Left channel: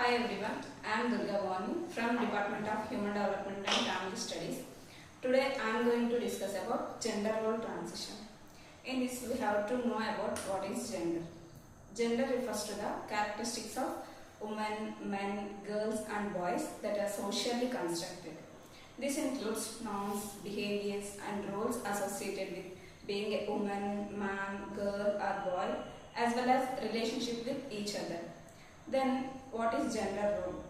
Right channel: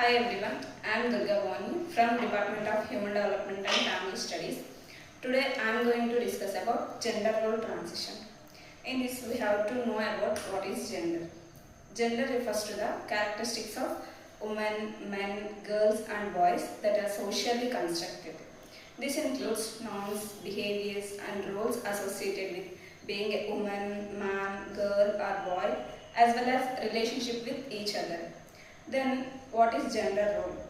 Hi everyone, I am Bhavani from Department of Human Development and Family Studies. Today I am going to discuss about gender role transition. In this we have to know about what is gender. Gender refers to the characteristics of women, men, girls and boys that are socially constructed. This includes norms, behaviors and roles associated with being a woman, man, girl or boy as well as relationship with each other. Then what is gender role?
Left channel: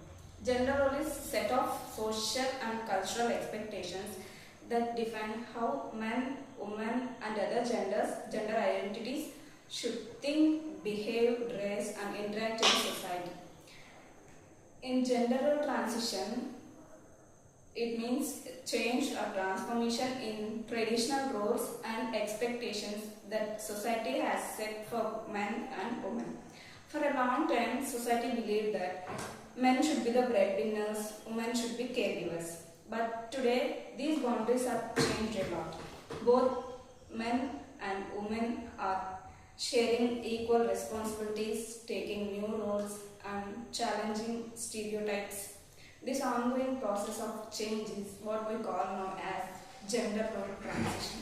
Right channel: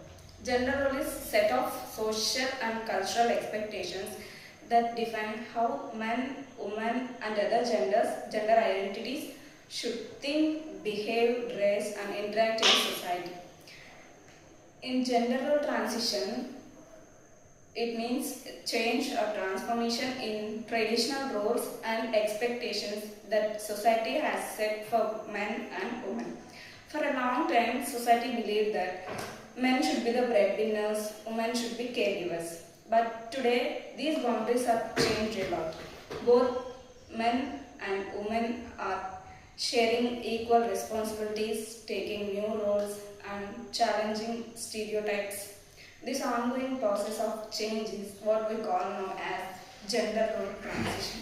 Gender role is set of social and cultural expectations that define how men, women and other gender identities should think, behave, dress and interact in society. In gender role transition, it means change or transformation in traditional roles and expectations that society has set for men and women. For a long time, society believed that men should be the breadwinners, women should be caregivers. But today, these boundaries have changed a lot. Both men and women are sharing equal responsibilities, taking new roles, and challenging stereotypes. This ongoing process of change is what we call now as gender role transition.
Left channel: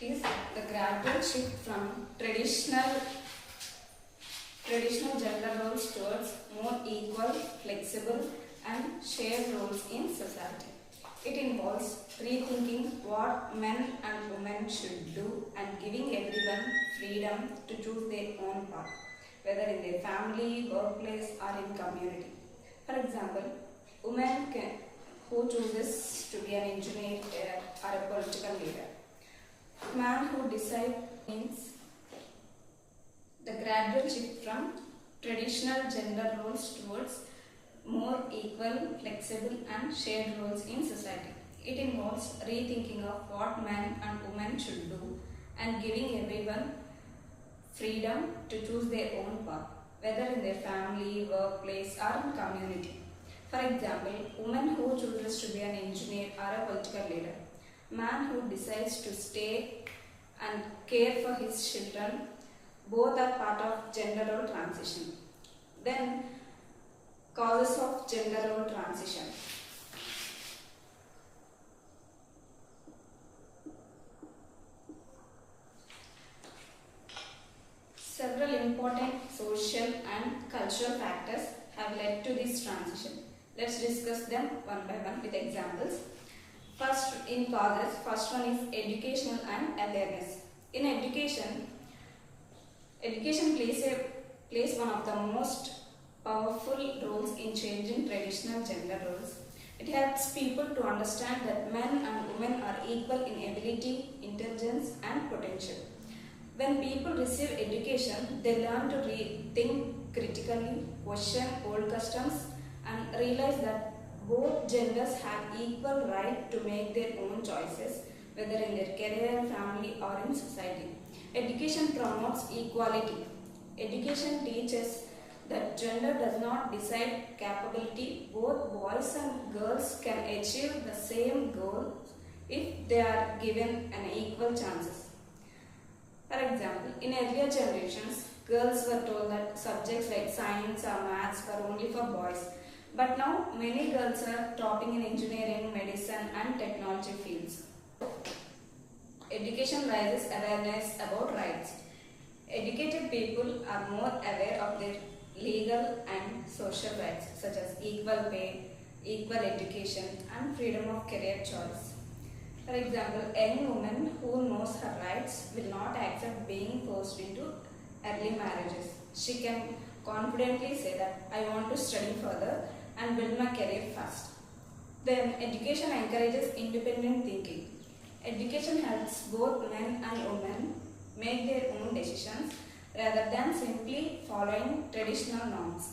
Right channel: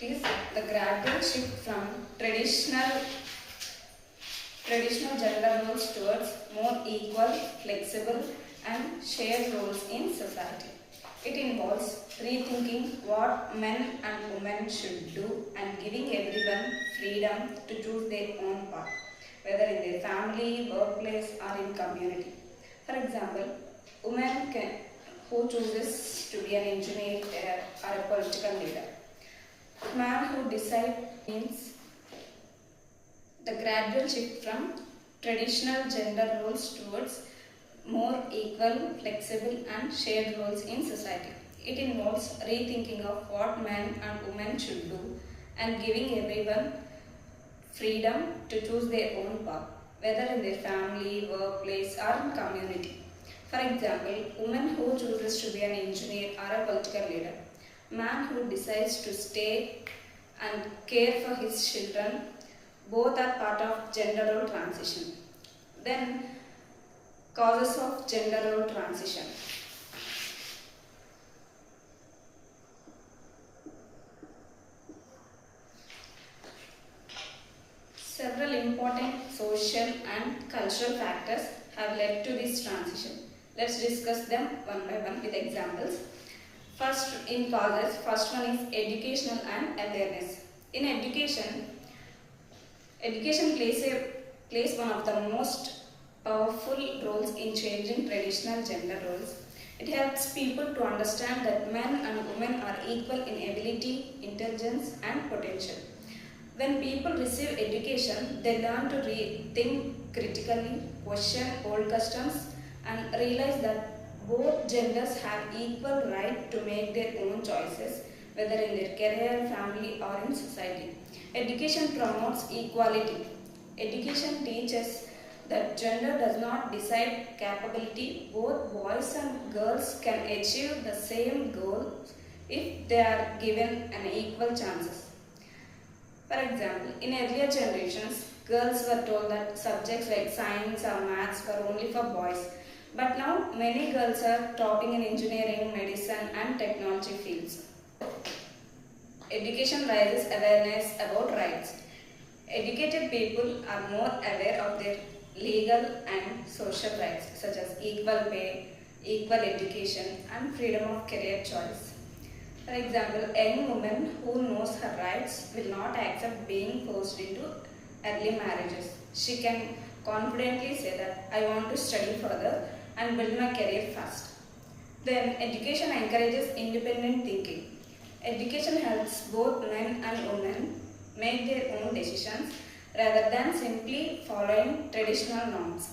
It is the gradual shift from traditional gender roles towards more equal, flexible and shared roles in society. It involves rethinking what men and women should do and giving everyone freedom to choose their own path, whether in their family, workplace or in community. For example, women who chooses to be an engineer or a political leader. Man who decides means the gradual shift from traditional gender roles towards more equal, flexible and shared roles in society. It involves rethinking of what men and women should do and giving everyone freedom to choose their own path, whether in their family, workplace or in community. For example, woman who chooses to be an engineer or a political leader. Man who decides to stay and care for his children. Both are part of gender role transition. Then, causes of gender role transition. Several important social and cultural factors have led to this transition. Let's discuss them one by one with examples. First, in causes, first one is educational and awareness. In education plays one of the most powerful roles in changing traditional gender roles. It helps people to understand that men and women are equal in ability, intelligence and potential. When people receive education, they learn to think critically, question old customs and realize that both genders have equal right to make their own choices, whether in their career, family or in society. Education promotes equality. Education teaches that gender does not decide capability. Both boys and girls can achieve the same goal if they are given an equal chances. For example, in earlier generations, girls were told that subjects like science or maths were only for boys. But now many girls are topping in engineering, medicine and technology fields. Education raises awareness about rights. Educated people are more aware of their legal and social rights such as equal pay, equal education and freedom of career choice. For example, any woman who knows her rights will not accept being forced into early marriages. She can confidently say that I want to study further and build my career first. Then education encourages independent thinking. Education helps both men and women make their own decisions rather than simply following traditional norms.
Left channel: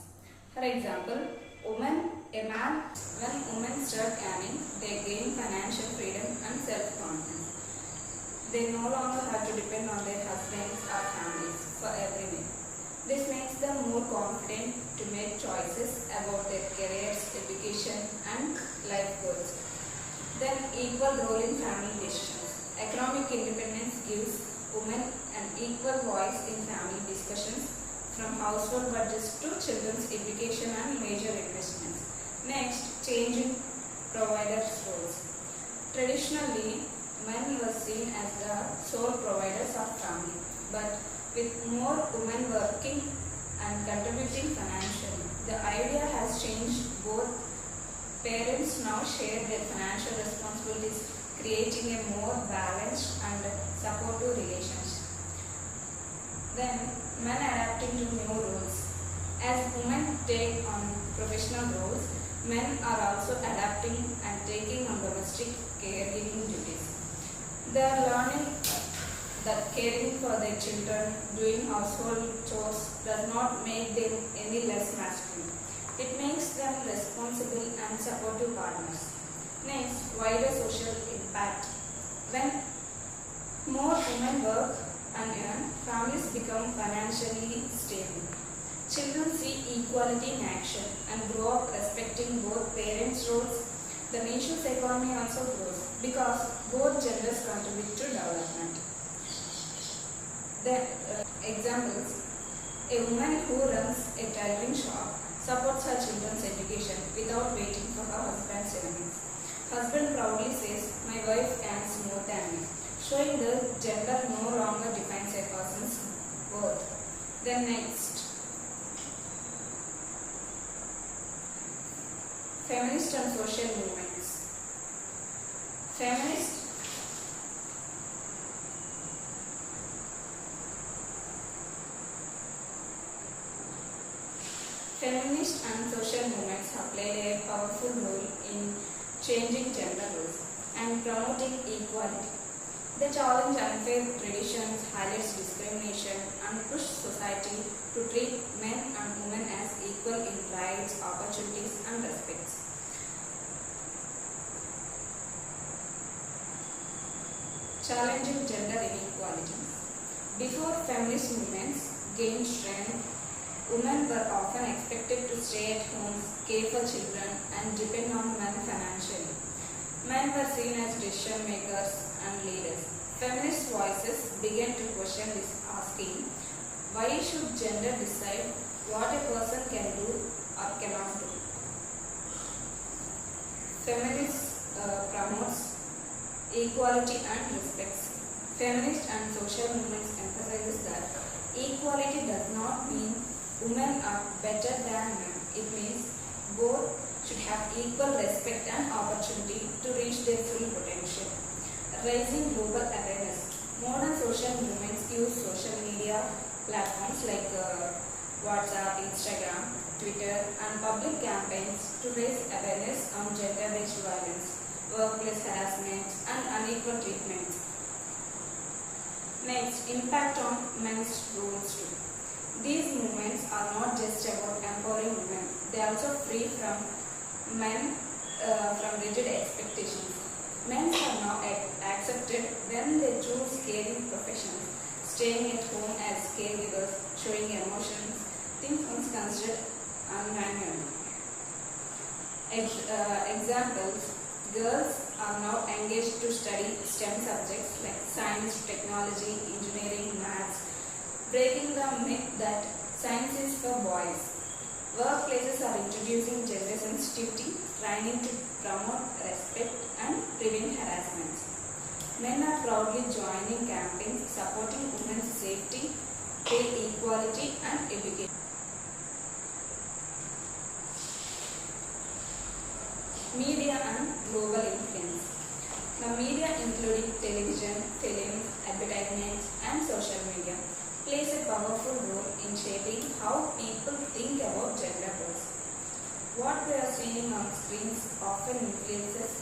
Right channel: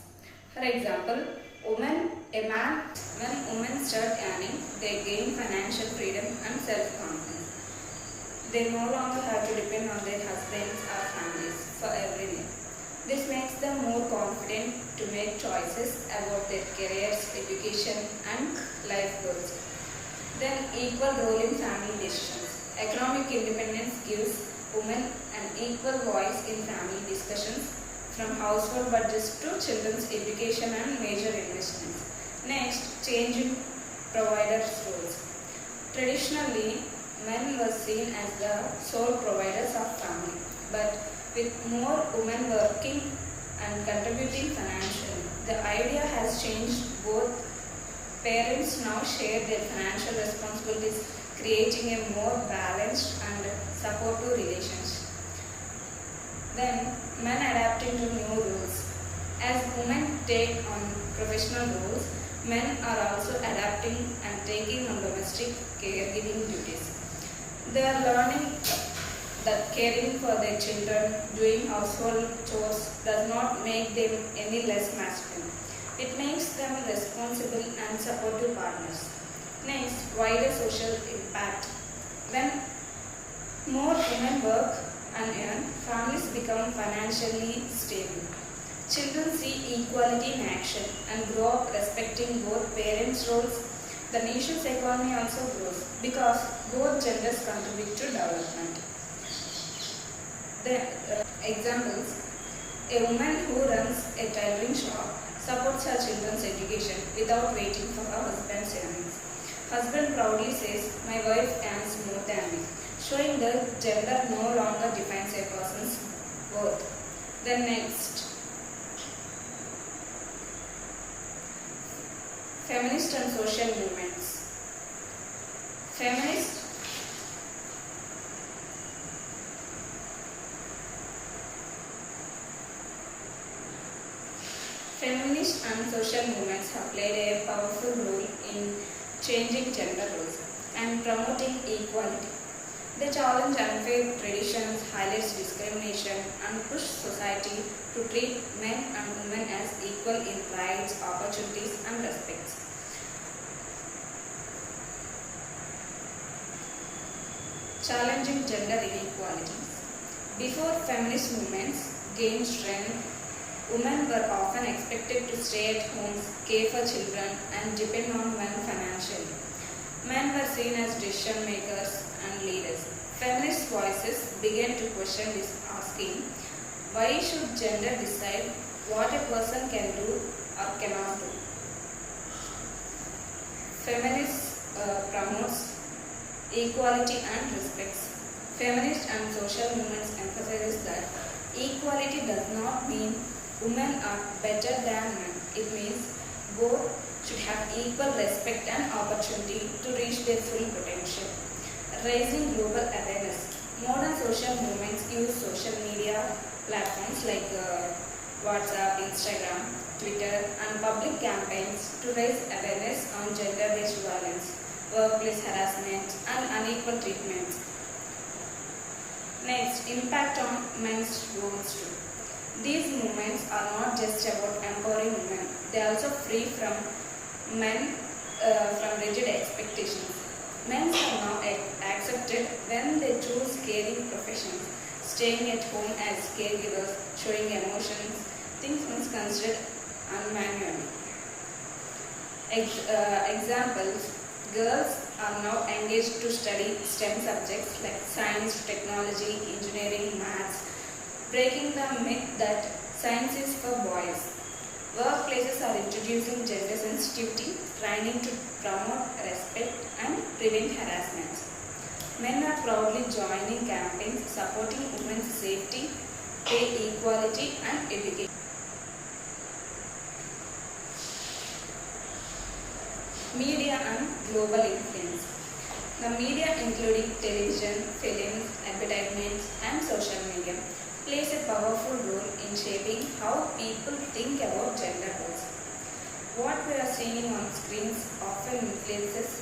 For example, when women start earning, they gain financial freedom and self-confidence. They no longer have to depend on their husbands or families for every meal. This makes them more confident to make choices about their careers, education and life goals. Then equal role in family decisions. Economic independence gives women an equal voice in family discussions. from household budgets to children's education and major investments. Next, change in providers' roles. Traditionally, men were seen as the sole providers of family, but with more women working and contributing financially, the idea has changed. Both parents now share their financial responsibilities, creating a more balanced and supportive relationship. Then, men adapting to new roles. As women take on professional roles, men are also adapting and taking on domestic caregiving duties. They are learning that caring for their children, doing household chores does not make them any less masculine. It makes them responsible and supportive partners. Next, wider social impact. When more women work and earn, families become financially stable. Children see equality in action and grow up respecting both parents' roles. The nation's economy also grows because both genders contribute to development. The examples: a woman who runs a tailoring shop supports her children's education without waiting for her husband's earnings. Husband proudly says, "My wife earns more than me," showing that gender no longer defines a person's worth. Then next, feminist and social movements. Feminist and social movements have played a powerful role in changing gender roles and promoting equality. They challenge unfair traditions, highlight discrimination, and push society to treat men and women as equal in rights, opportunities, and respects. Challenging gender inequalities. Before feminist movements gained strength, women were often expected to stay at home, care for children, and depend on men financially. Men were seen as decision makers and leaders. Feminist voices began to question this, asking, why should gender decide what a person can do or cannot do? Feminist promotes equality and respect. Feminist and social movements emphasize that equality does not mean women are better than men. It means both should have equal respect and opportunity to reach their full potential. Raising global awareness. Modern social movements use social media platforms like WhatsApp, Instagram, Twitter, and public campaigns to raise awareness on gender-based violence, workplace harassment, and unequal treatment. Next, impact on men's roles too. These movements are not just about empowering women, they also free from men from rigid expectations. Men are now accepted when they choose caring professions, staying at home as caregivers, showing emotions, things once considered unmanly. Examples: girls are now engaged to study STEM subjects like science, technology, engineering, maths, breaking the myth that science is for boys. Workplaces are introducing gender sensitivity, training to promote respect and prevent harassment. Men are proudly joining campaigns supporting women's safety, pay equality and education. Media and global influence. The media, including television, films, advertisements, and social media, plays a powerful role in shaping how people think about gender roles. What we are seeing on screens often influences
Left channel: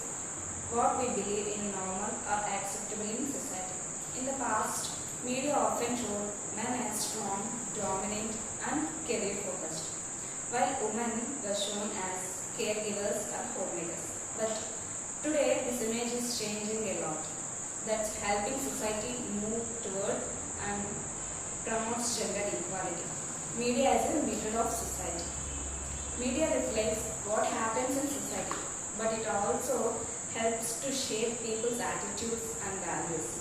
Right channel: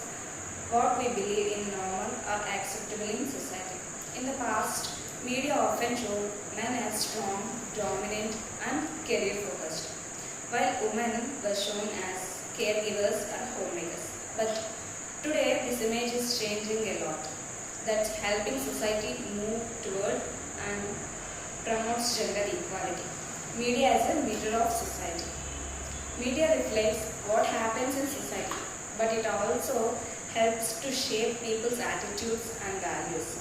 what we believe in normal or acceptable in society. In the past, media often showed men as strong, dominant, and career-focused, while women were shown as caregivers and homemakers. But today, this image is changing a lot. That's helping society move toward and promotes gender equality. Media as a mirror of society. Media reflects what happens in society, but it also helps to shape people's attitudes and values.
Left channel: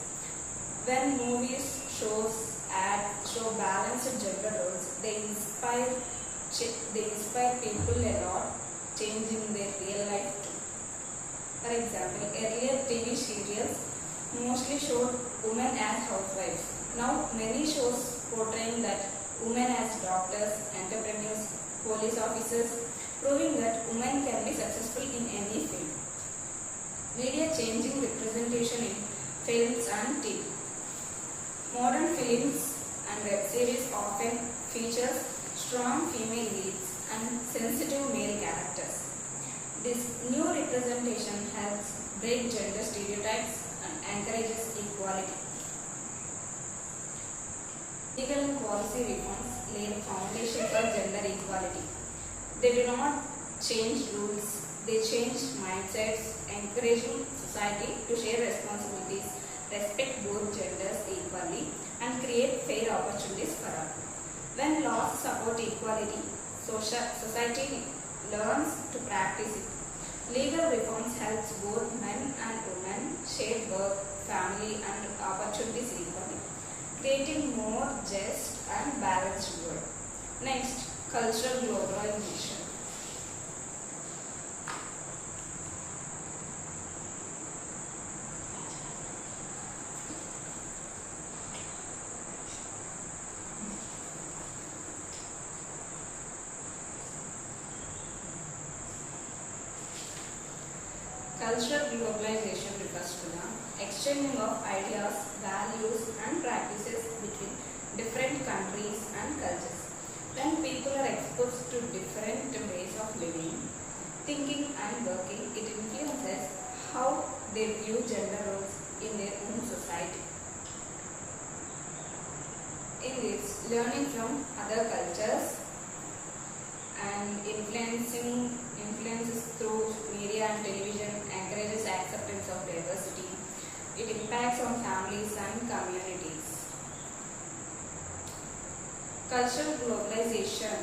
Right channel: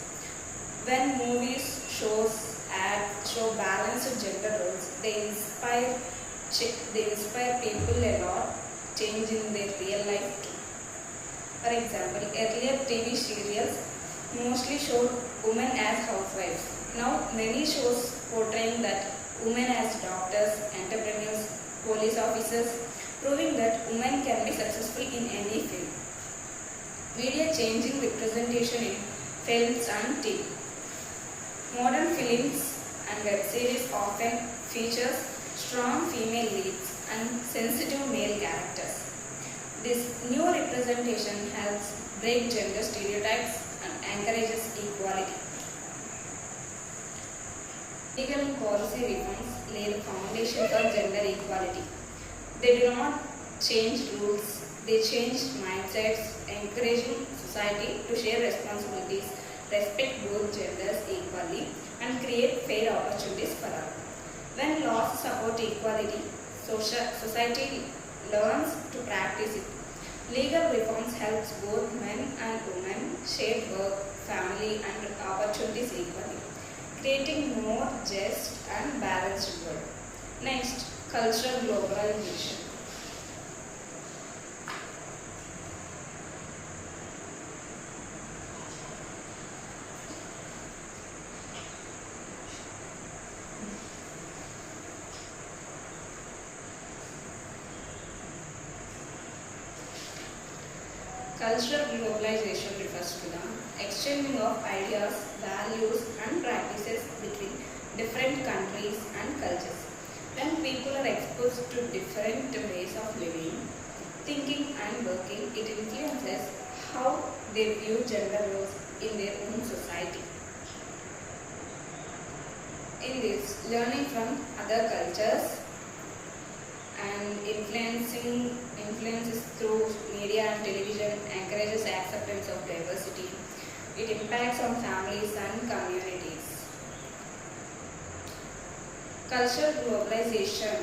When movies, shows, ads, show balanced gender roles. They inspire people a lot, changing their real life too. For example, earlier TV serials mostly showed women as housewives. Now many shows portraying that women as doctors, entrepreneurs, police officers, proving that women can be successful in any field. Media changing representation in films and TV. Modern films and web series often features strong female leads and sensitive male characters. This new representation helps break gender stereotypes and encourages equality. Legal and policy reforms lay the foundation for gender equality. They do not change rules, they change mindsets, encouraging society to share responsibilities, respect both genders equally, and create fair opportunities for all. When laws support equality, society learns to practice it. Legal reforms helps both men and women share work, family, and opportunities equally, creating more just and balanced world. Next, cultural globalization. Cultural globalization refers to the exchanging of ideas, values, and practices between different countries and cultures. When people are exposed to different ways of living, thinking, and working, it influences how they view gender roles in their own society. In this, learning from other cultures and influences through media and television encourages acceptance of diversity. It impacts on families and communities. Cultural globalization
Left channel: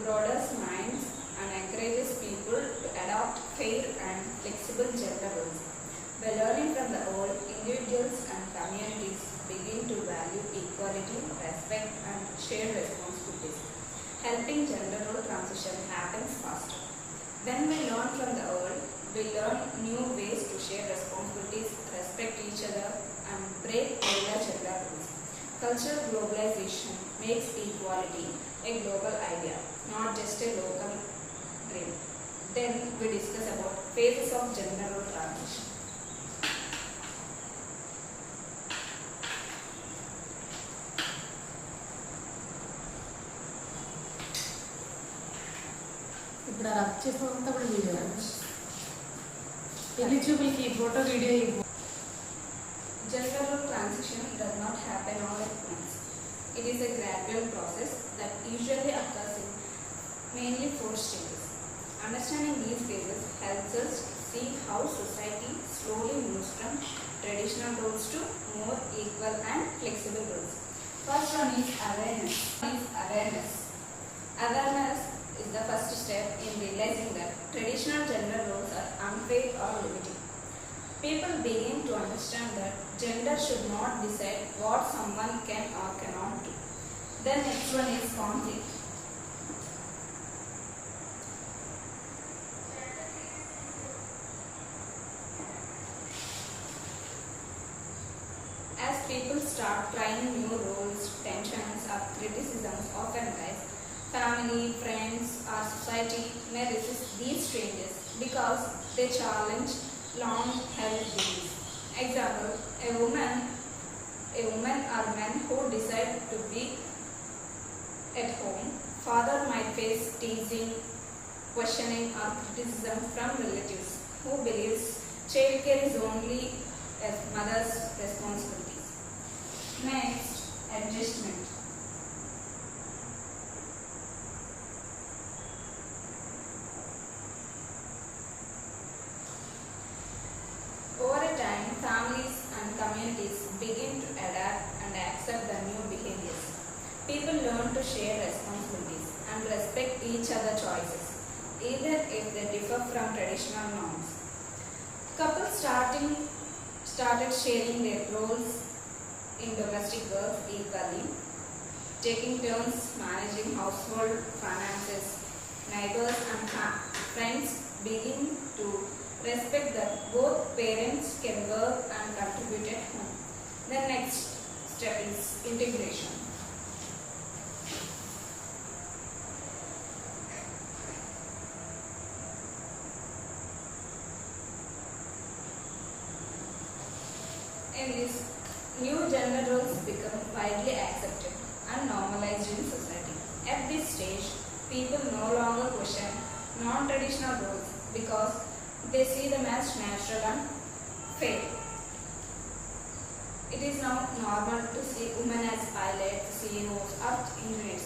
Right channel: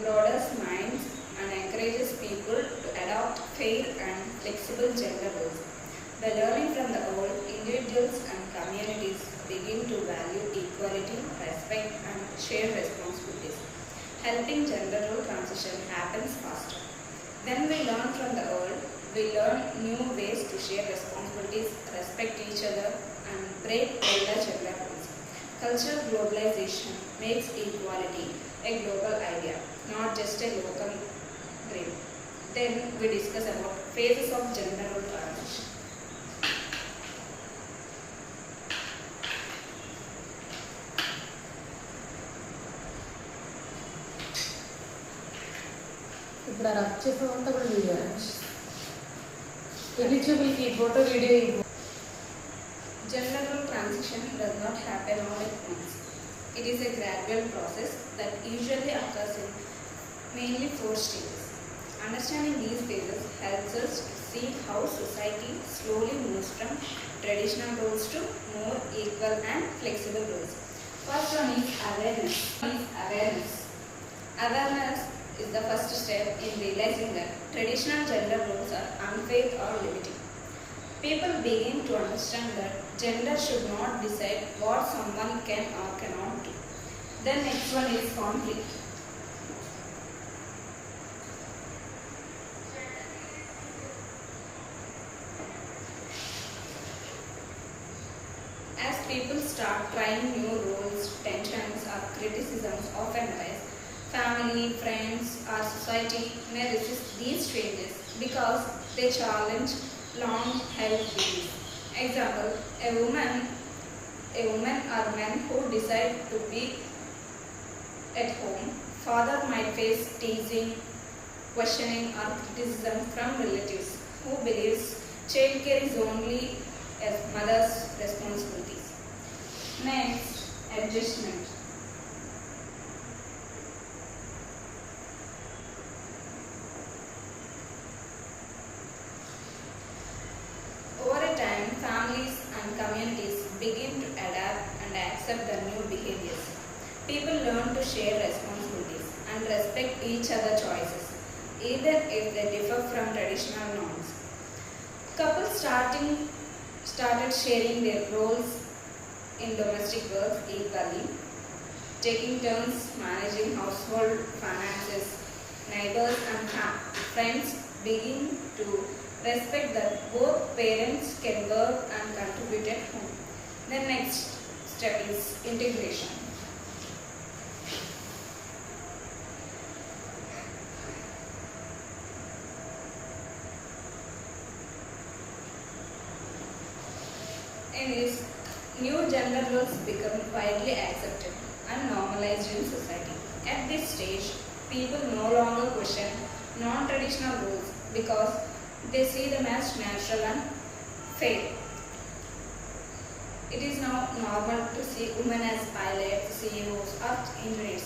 broadens minds and encourages people to adopt fair and flexible gender roles. By learning from the old, individuals and communities begin to value equality, respect, and shared responsibilities. Helping gender role transition happens faster. When we learn from the old, we learn new ways to share responsibilities, respect each other, and break older gender roles. Cultural globalization makes equality a global idea, not just a local dream. Then we discuss about phases of gender role transition. ఇప్పుడు rub చేసినంతా కూడా video eligibility photo video. Gender role transition does not happen all at once. It is a gradual process that usually occurs in mainly 4 stages. Understanding these phases helps us see how society slowly moves from traditional roles to more equal and flexible roles. First one is awareness. Awareness is the first step in realizing that traditional gender roles are unfair or limiting. People begin to understand that gender should not decide what someone can or cannot do. The next one is conflict. As people start trying new roles, tensions or criticisms often arise. Family, friends, or society may resist these changes because they challenge long-held beliefs. Example: a woman or man who decide to be at home, father might face teasing, questioning, or criticism from relatives who believes childcare is only a mother's responsibilities. Next, adjustment. Over a time, families and communities begin to adapt and accept the new behaviors. People learn to share responsibilities and respect each other's choices, even if they differ from traditional norms. Couples started sharing their roles in domestic work equally, taking turns managing household finances. Neighbors and friends begin to respect that both parents can work and contribute at home. The next step is integration. In this, new gender roles become widely accepted and normalized in society. At this stage, people no longer question non-traditional roles because they see them as natural and fair. It is now normal to see women as pilots, CEOs, or engineers,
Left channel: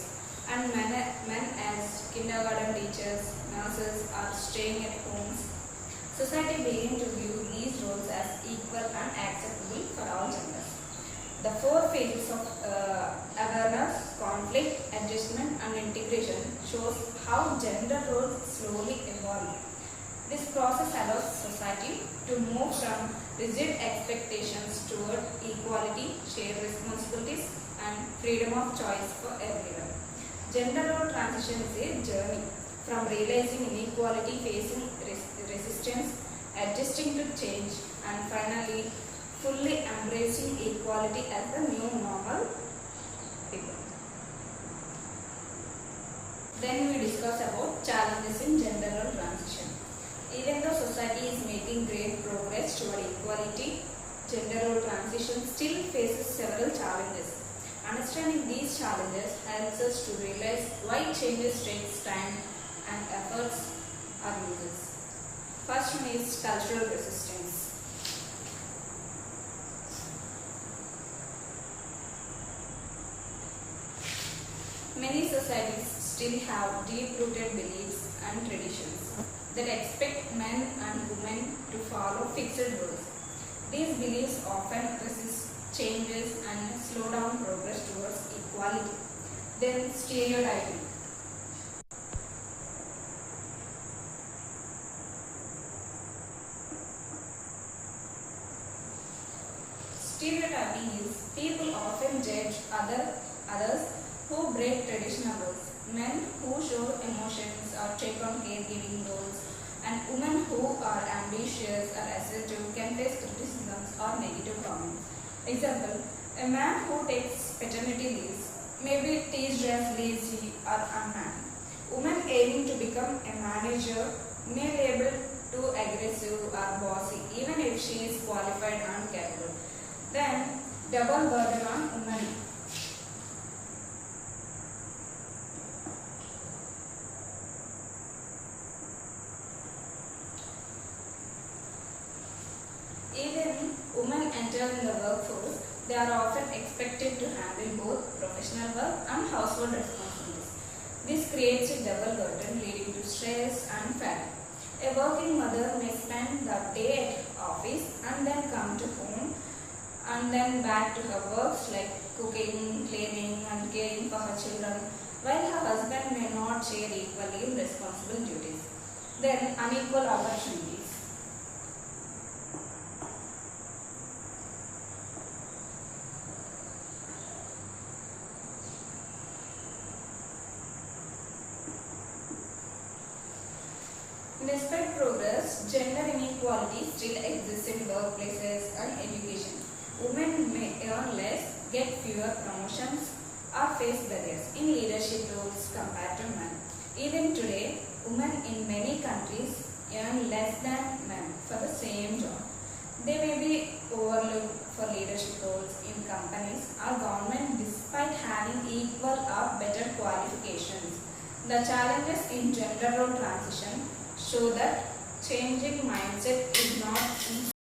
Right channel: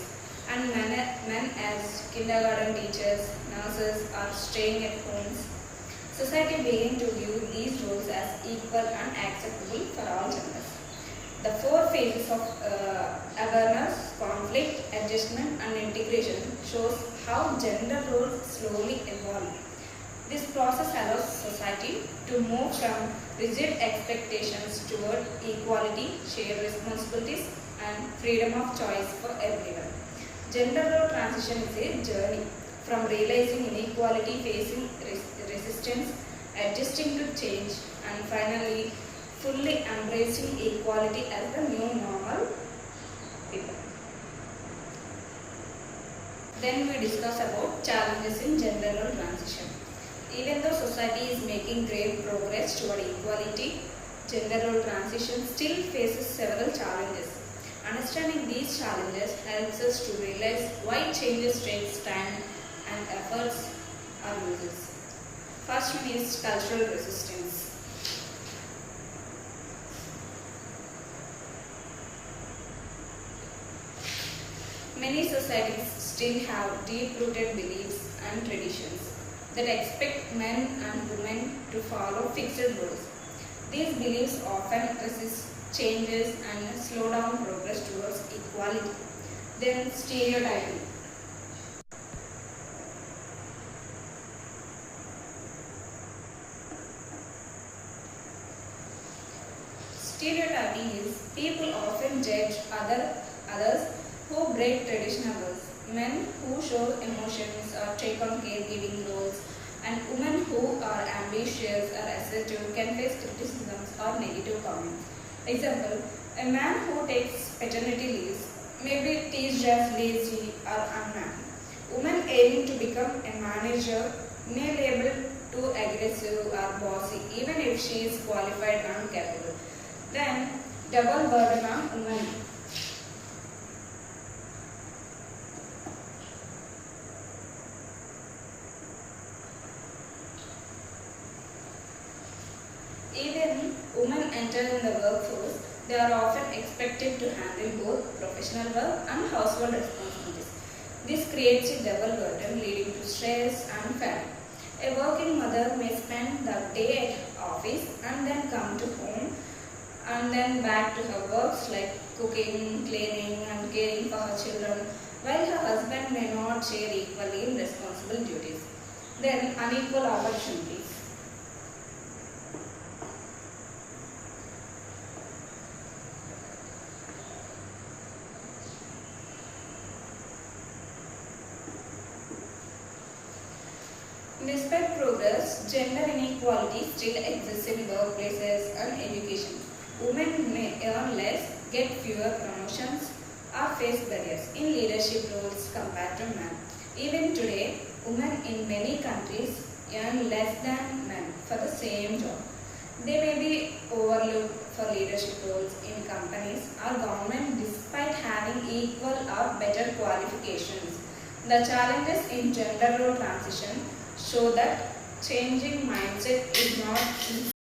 and men as kindergarten teachers, nurses, or staying at homes. Society began to view these roles as equal and acceptable for all genders. The four phases of awareness, conflict, adjustment, and integration shows how gender roles slowly evolve. This process allows society to move from rigid expectations toward equality, shared responsibilities, and freedom of choice for everyone. Gender role transition is a journey from realizing inequality, facing resistance, adjusting to change, and finally fully embracing equality as the new normal. Then we discuss about challenges in gender role transition. Even though society is making great progress toward equality, gender role transition still faces several challenges. Understanding these challenges helps us to realize why changes take time and efforts are needed. First one is cultural resistance. Many societies still have deep-rooted beliefs and traditions that expect men and women to follow fixed roles. These beliefs often resist changes and slow down progress towards equality. Then stereotyping. Stereotyping is people often judge others who break traditional roles, men who show emotions or take on caregiving roles, and women who are ambitious or assertive can face criticisms or negative comments. Example, a man who takes paternity leaves may be teased as lazy or unman. Women aiming to become a manager may be labeled too aggressive or bossy even if she is qualified and capable. Then, double burden on women. Even women enter in the workforce, they are often expected to handle both professional work and household responsibilities. This creates a double burden leading to stress and fatigue. A working mother may spend the day at office and then come to home and then back to her works like cooking, cleaning and caring for her children, while her husband may not share equally in responsible duties. Then unequal opportunities. Despite progress, gender inequality still exists in workplaces and education. Women may earn less, get fewer promotions, or face barriers in leadership roles compared to men. Even today, women in many countries earn less than men for the same job. They may be overlooked for leadership roles in companies or government despite having equal or better qualifications. The challenges in gender role transition show that changing mindset is not easy.